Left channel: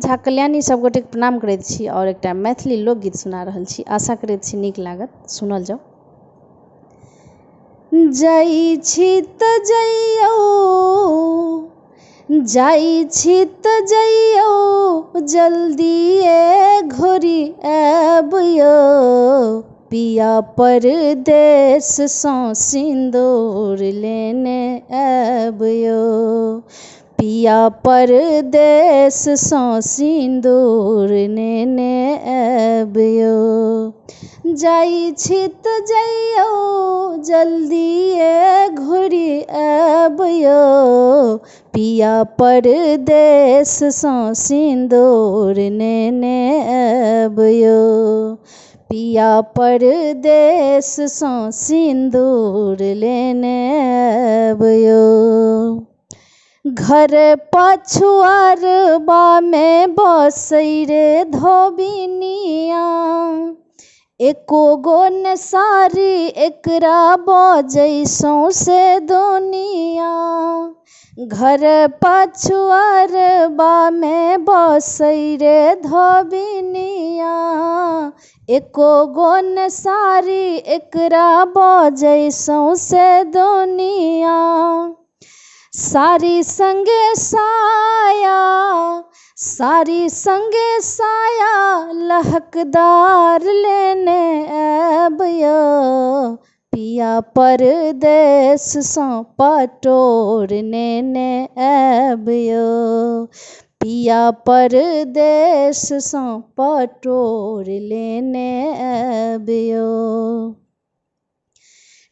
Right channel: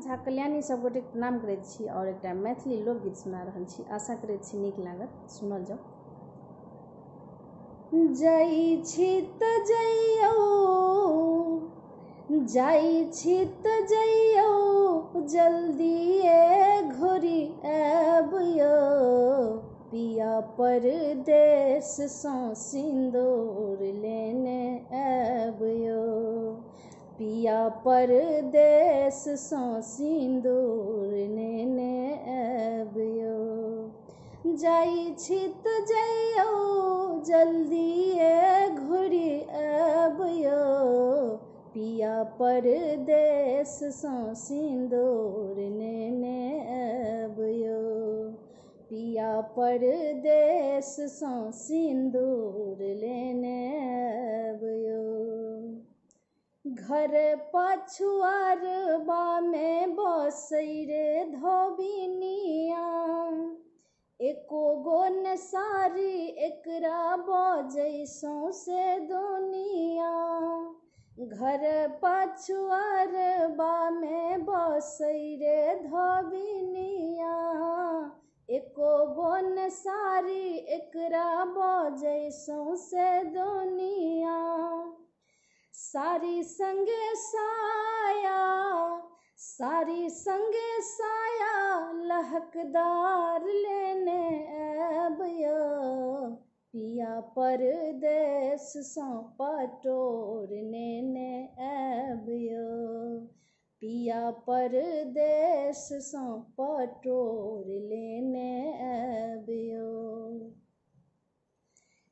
झा कल्याणी सब गोटे प्रणाम करैत छी और एकटा मैथिली लोकगीत सुना रहल छी। आशा करैत छी नीक लागत, सुनल जाओ। जाई छी त जइयो, जाई छी त जइयो, जल्दिए घोरी आबियो, पिया परदेस सँ सिंदूर लेने आबियो, पिया परदेस सँ सिंदूर लेने आबियो। जाई छी त जइयो, जल्दिए घुरी आबियो, पिया परदेस सँ सिंदूर लेने आबियो, पिया परदेस सँ सिंदूर लेने आबियो। घर पछुआरबा में बसै रे धोबिनिया, एको गो ने सारी एकरा बजै सौंसे दुनिया। घर पछुआरबा में बसै रे धोबिनिया, एको गो ने सारी एकरा बजै सौंसे दुनिया। सारी संगे साया, सारी संगे साया, लहकदार लेने आबियो, पिया परदेस सँ पटोर लेने आबियो, पिया परदेस सँ पटोर लेने आबियो।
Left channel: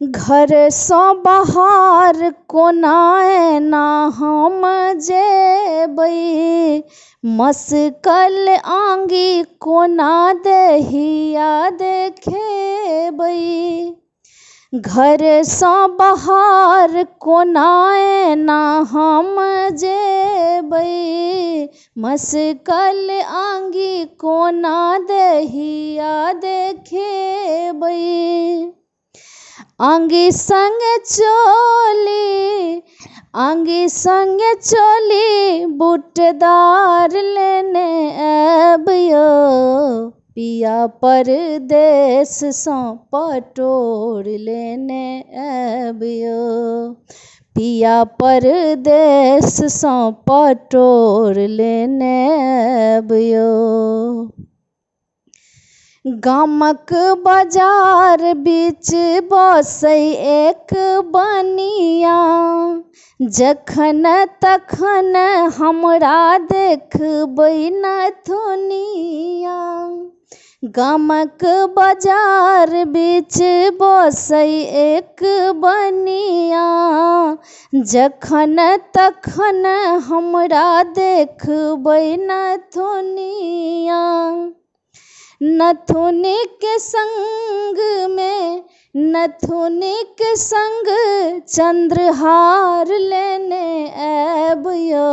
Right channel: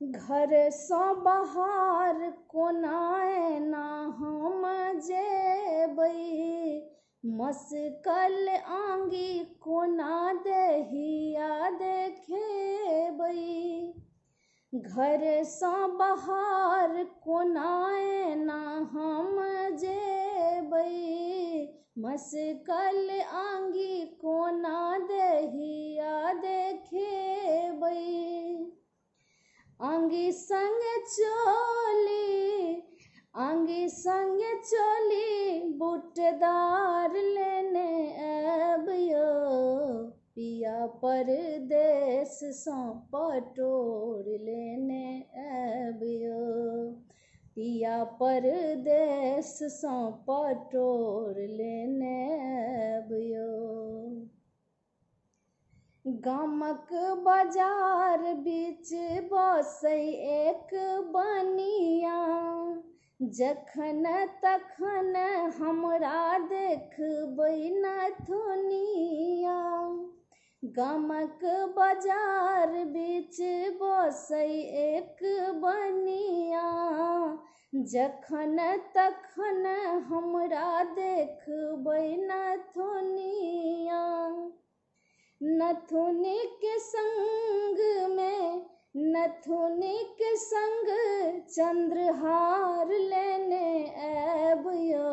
घर सँ बाहर कोना एना हम जेबै, मसकल आंगी कोना देहिया देखेबै। घर सँ बाहर कोना एना हम जेबै, मसकल आंगी कोना देहिया देखेबै। आंगी संगे चोली, आंगी संगे चोली, बूटदार लेने आबियो, पिया परदेस सँ पटोर लेने आबियो, पिया परदेस सँ पटोर लेने आबियो। गामक बाजार बीच बसै एक बनिया, जखन तखन हमरा देखबै नथुनिया। गामक बाजार बीच बसै एक बनिया, जखन तखन हमरा देखबै नथुनिया। नथुनी के संग में, नथुनी के संग चंद्रहार लेने आबियो,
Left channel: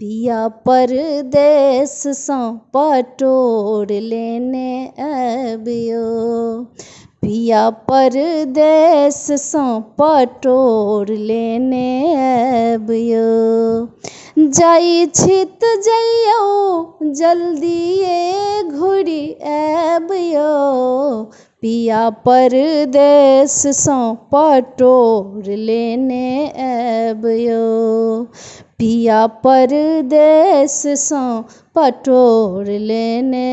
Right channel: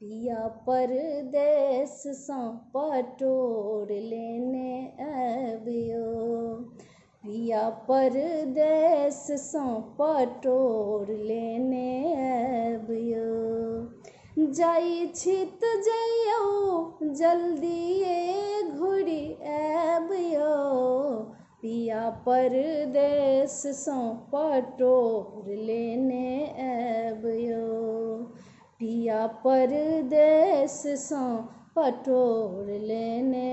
पिया परदेस सँ पटोर लेने आबियो, पिया परदेस सँ पटोर लेने आबियो। जाई छी त जइयो, जल्दिए घुरी आबियो, पिया परदेस सँ पटोर लेने आबियो, पिया परदेस सँ पटोर लेने